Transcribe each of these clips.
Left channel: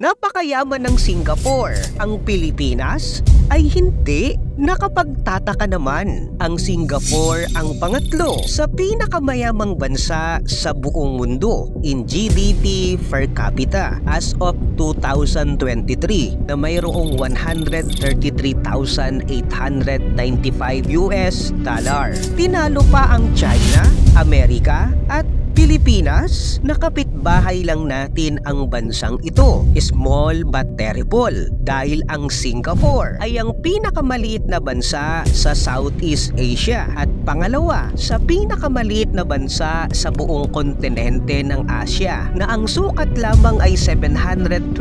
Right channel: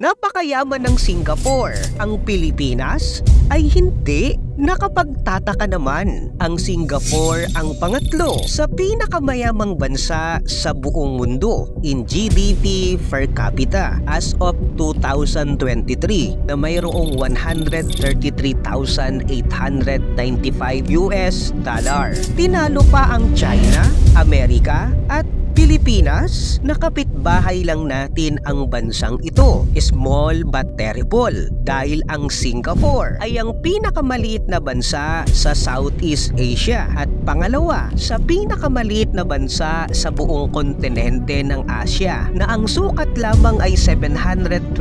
Napakayaman ng Singapore. Ang Pilipinas ay hindi. Nakapagtataka naman, ang Singapore ang pangatlo sa pinakamayamang bansa sa buong mundo in GDP per capita as of 2023 na mayroong $133,895. Tinalo pa ang China, Amerika at Pilipinas. Nakapitbahay lang natin ang bansang ito. Small but terrible dahil ang Singapore ay ang pinakamaliit na bansa sa Southeast Asia at pangalawa sa pinakamaliit na bansa sa buong kontinente ng Asia na ang sukat lamang ay 728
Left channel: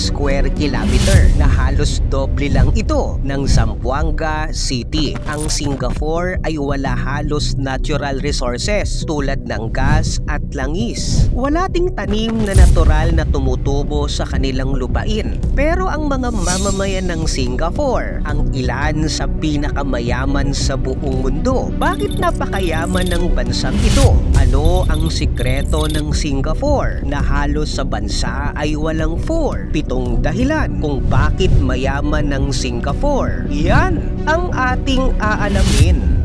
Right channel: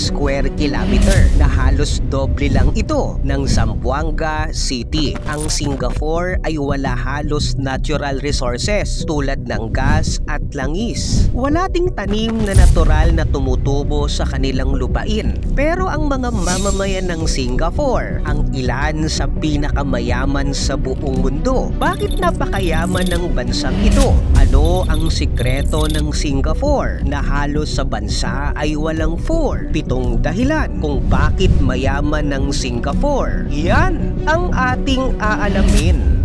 square kilometer na halos doble lang ito ng Zamboanga City. Ang Singapore ay wala halos natural resources tulad ng gas at langis. Wala ding tanim na natural na tumutubo sa kanilang lupain. Pero ang mga mamamayan ng Singapore ang ilan sa pinakamayaman sa buong mundo. Bakit napakayaman ng bansang ito? Ano ang sikreto ng Singapore na halos sa bansa ay walang 7 dahilan kung bakit mayaman ng Singapore? Yan ang ating aalamin.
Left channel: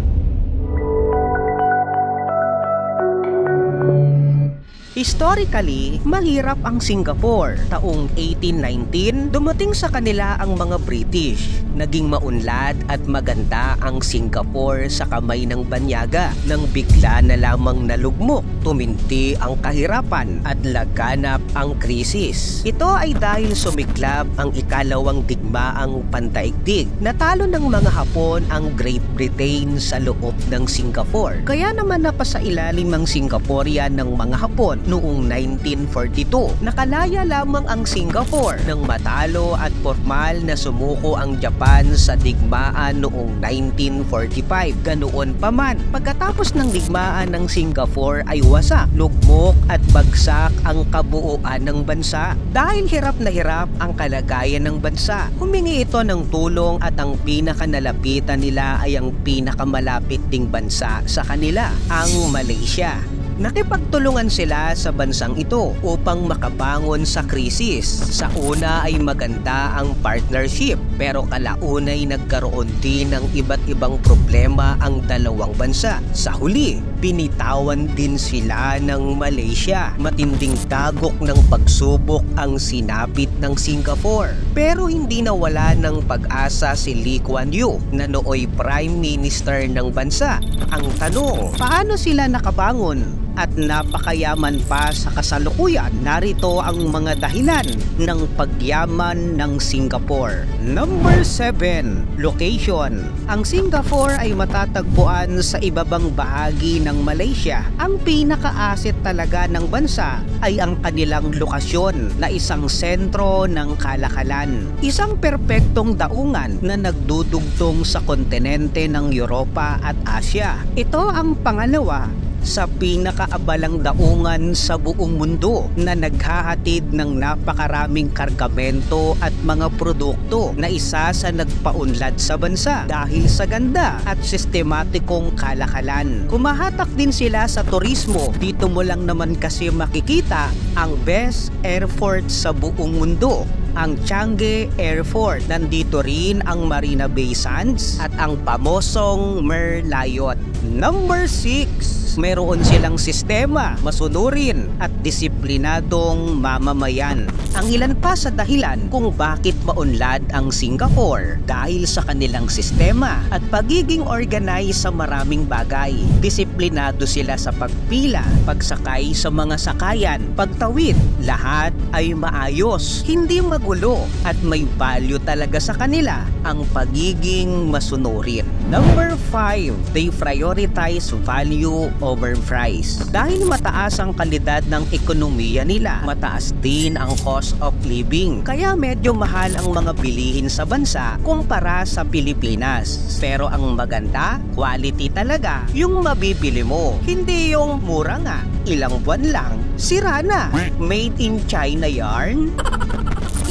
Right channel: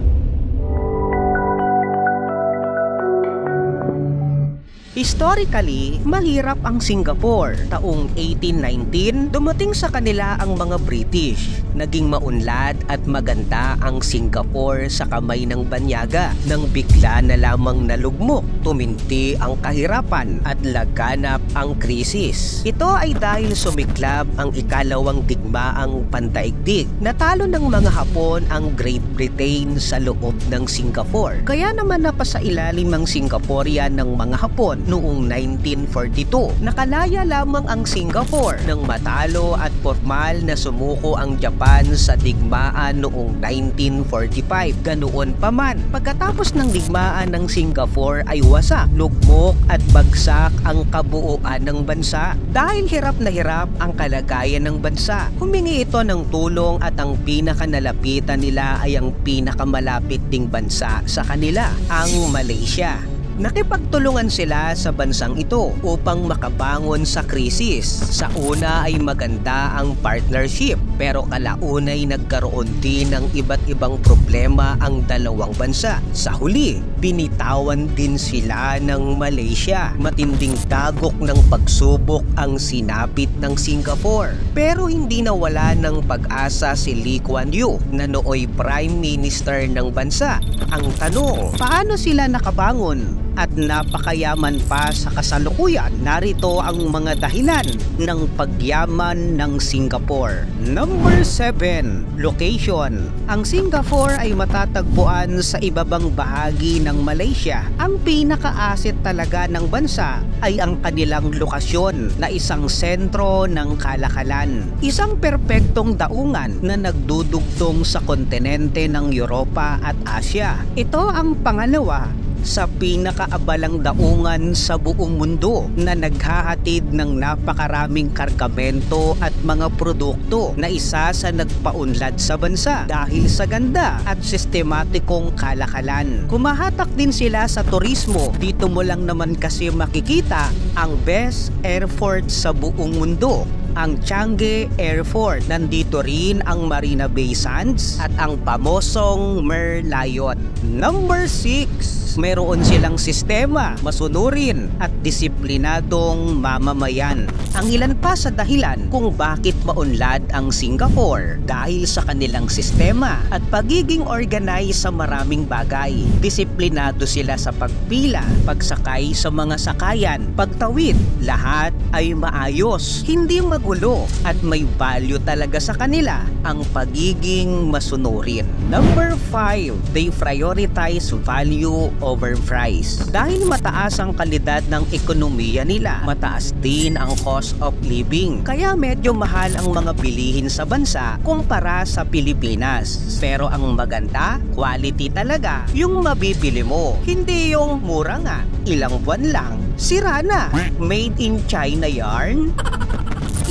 Historically, mahirap ang Singapore. Taong 1819, dumating sa kanila ang mga British. Naging maunlad at maganda ang Singapore sa kamay ng banyaga nang bigla na lamang nalugmok, tuminti ang kahirapan at laganap ang krisis. Ito ay dahil sumiklab ang ikalawang digmaang pandaigdig. Natalo ng mga Hapon ang Great Britain sa loob ng Singapore. Kaya naman napasailalim ang Singaporean ng mga Hapon noong 1942. Nakalaya lamang ang Singapore nang matalo at formal na sumuko ang Japan sa digmaan noong 1945. Ganoon pa man, pagkatapos ng digmaan ng Singapore ay wasak, lugmok at bagsak ang kabuuan ng bansa. Dahil hirap na hirap ang kalagayan ng bansa, humingi ito ng tulong at ang pinakanalapitan nila ay ang pinakamalapit ding bansa sa kanila, ang Malaysia. Nakipagtulungan sila sa bansang ito upang makabangon sa krisis. Sa una ay maganda ang partnership, pero kalaunay nagkaroon din ng iba't ibang problema ang dalawang bansa. Sa huli, binitawan din sila ng Malaysia. Matinding dagok ng pagsubok ang sinapit ng Singapore. Pero hindi nawala ng pag-asa si Lee Kuan Yew na nooy Prime Minister ng bansa. Ang tanong, paano sila nakabangon? At napakayaman pa sa kasalukuyan? Narito ang mga dahilan ng pagyaman ng Singapore. Number 7. Location. Ang Singapore ay matatagpuan sa ibabang bahagi ng Malaysia. Ang pinaka-asset talaga ng bansa ay ang kanilang lokasyon na isang sentro ng kalakalan. Isang perpektong daungan na nagdudugtong sa kontinente ng Europa at Asia. Ito ang pangalawa sa pinakaabalang daungan sa buong mundo na naghahatid ng napakaraming kargamento at mga produkto na isa sa nagpaunlad sa bansa dahil sa ganda at sistematikong kalakalan. Kumahatak din sila sa turismo. Dito mo lang naman kasi makikita ang best airport sa buong mundo, ang Changi Airport. Nandito rin ang Marina Bay Sands at ang pamosong Merlion. Number 6. Meron silang sistema, masunurin at disiplinadong mamamayan. Ang ilan pa sa dahilan kung bakit maunlad ang Singapore dahil sa kanilang sistema at pagiging organized sa maraming bagay. Disiplinado sila sa pagpila, pagsakay sa mga sakayan, pagtawid. Lahat ay maayos, hindi magulo at may value talaga sa kanila ang pagiging masunurin. Number 5. They prioritize value over price. Dahil mataas ang kalidad ng ekonomiya nila, mataas din ang cost of living. Kaya medyo mahal ang mga bilihin sa bansa kumpara sa Pilipinas. Pero ang maganda, quality talaga yung mabibili mo. Hindi yung mura nga, ilang buwan lang, sira na. Made in China yarn?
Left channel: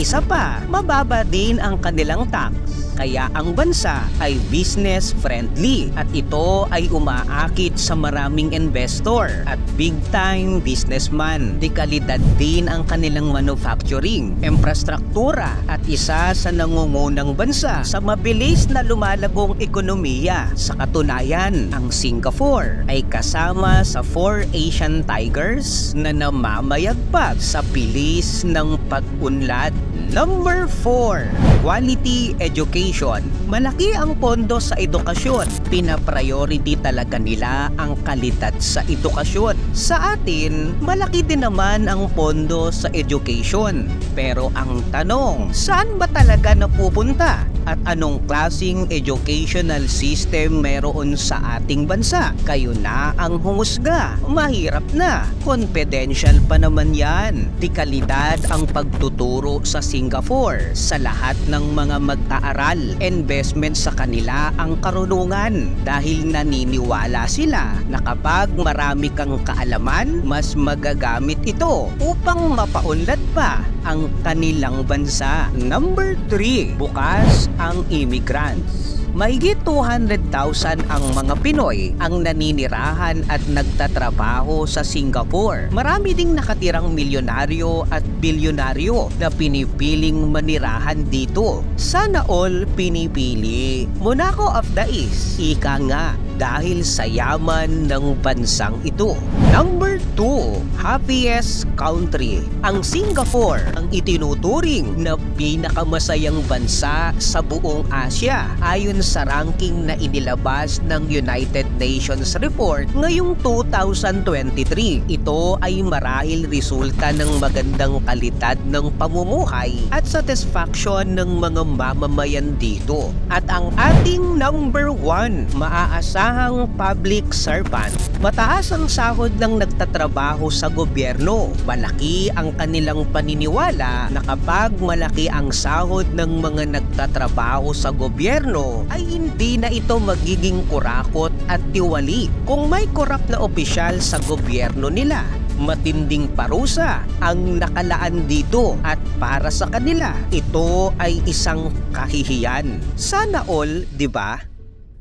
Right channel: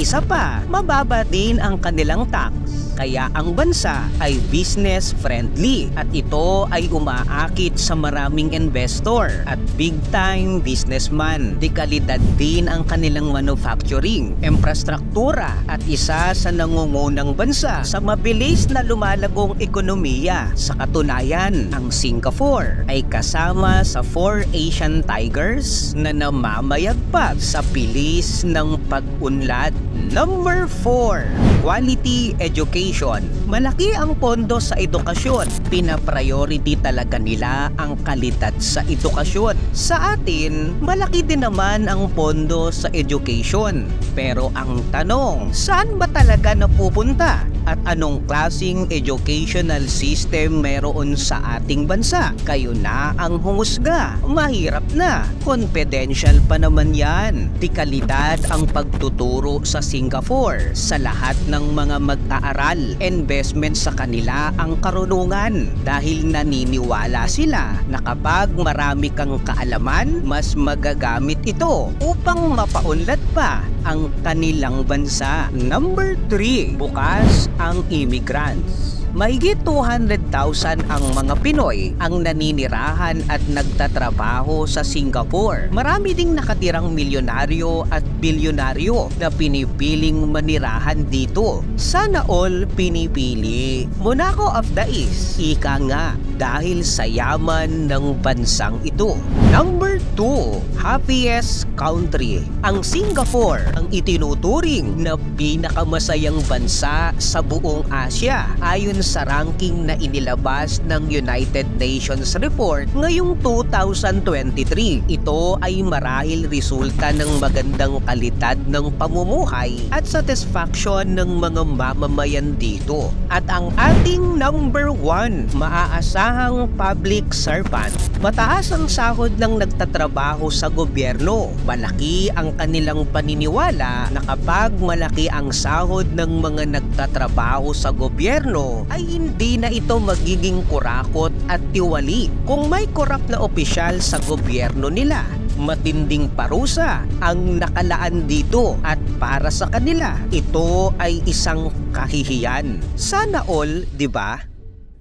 Isa pa, mababa din ang kanilang tax. kaya ang bansa ay business friendly at ito ay umaakit sa maraming investor at big time businessman. Dekalidad din ang kanilang manufacturing, infrastruktura at isa sa nangungunang bansa sa mabilis na lumalagong ekonomiya. Sa katunayan, ang Singapore ay kasama sa 4 Asian tigers na namamayagpag sa bilis ng pag-unlad. Number 4, quality education. Malaki ang pondo sa edukasyon. Pina-priority talaga nila ang kalidad sa edukasyon. Sa atin, malaki din naman ang pondo sa education. Pero ang tanong, saan ba talaga napupunta? At anong klaseng educational system meron sa ating bansa? Kayo na ang humusga. Mahirap na. Confidential pa naman yan. Di kalidad ang pagtuturo sa Singapore. Sa lahat ng mga mag-aaral, investment sa kanila ang karunungan. Dahil naniniwala sila na kapag marami kang kaalaman, mas magagamit ito upang mapaunlad pa ang kanilang bansa. Number 3, bukas ang immigrants. Mahigit 200,000 ang mga Pinoy ang naninirahan at nagtatrabaho sa Singapore. Marami ding nakatirang milyonaryo at bilyonaryo na pinipiling manirahan dito. Sana all pinipili. Monaco of the East. Ika nga, dahil sa yaman ng bansang ito. Number 2, happiest country. Ang Singapore ang itinuturing na pinakamasayang bansa sa buong Asia ayon sa ranking na inilabas ng United Nations report ngayong 2023. Ito ay marahil resulta ng magandang kalidad ng pamumuhay at satisfaction ng mga mamamayan dito. At ang ating number 1, maaasahang public servant. Mataas ang sahod ng nagtatrabaho sa gobyerno. Malaki ang kanilang paniniwala na kapag malaki ang sahod ng mga nagtatrabaho sa gobyerno, ay hindi na ito magiging kurakot at tiwali. Kung may korap na opisyal sa gobyerno nila, matinding parusa ang nakalaan dito at para sa kanila, ito ay isang kahihiyan. Sana all, di ba?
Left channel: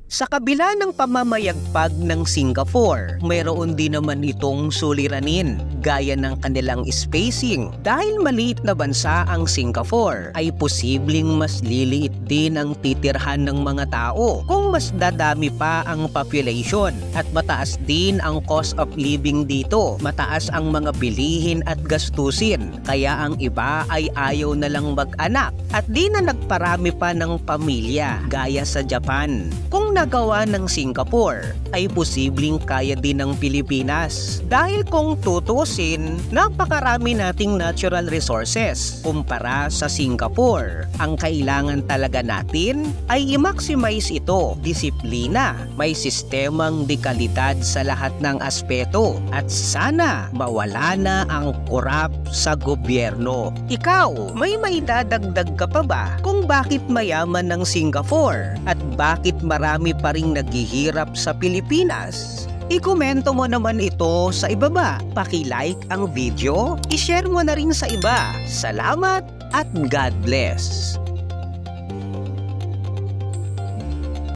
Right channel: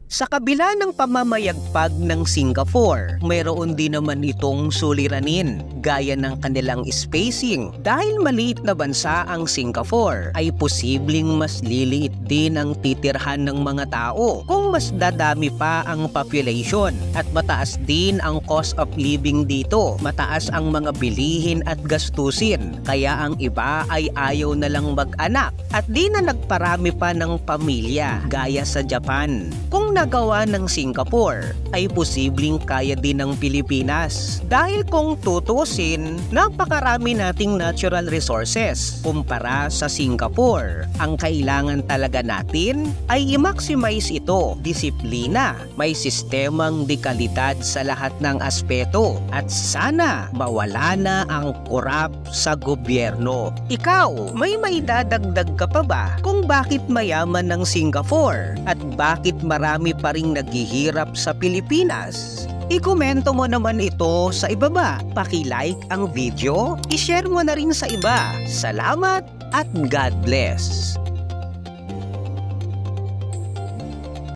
Sa kabila ng pamamayagpag ng Singapore, mayroon din naman itong suliranin gaya ng kanilang spacing. Dahil maliit na bansa ang Singapore, ay posibleng mas liliit din ang titirhan ng mga tao kung mas dadami pa ang population. At mataas din ang cost of living dito. Mataas ang mga bilihin at gastusin. Kaya ang iba ay ayaw na lang mag-anak at di na nagparami pa ng pamilya gaya sa Japan. Kung nagawa ng Singapore, ay posibleng kaya din ng Pilipinas. Dahil kung tutusin, napakarami nating natural resources kumpara sa Singapore. Ang kailangan talaga natin ay i-maximize ito, disiplina, may sistemang dekalidad sa lahat ng aspeto, at sana mawala na ang korap sa gobyerno. Ikaw, may maidadagdag ka pa ba kung bakit mayaman ng Singapore at bakit marami pa ring naghihirap sa Pilipinas? I-komento mo naman ito sa ibaba. Paki-like ang video, i-share mo na rin sa iba. Salamat at God bless!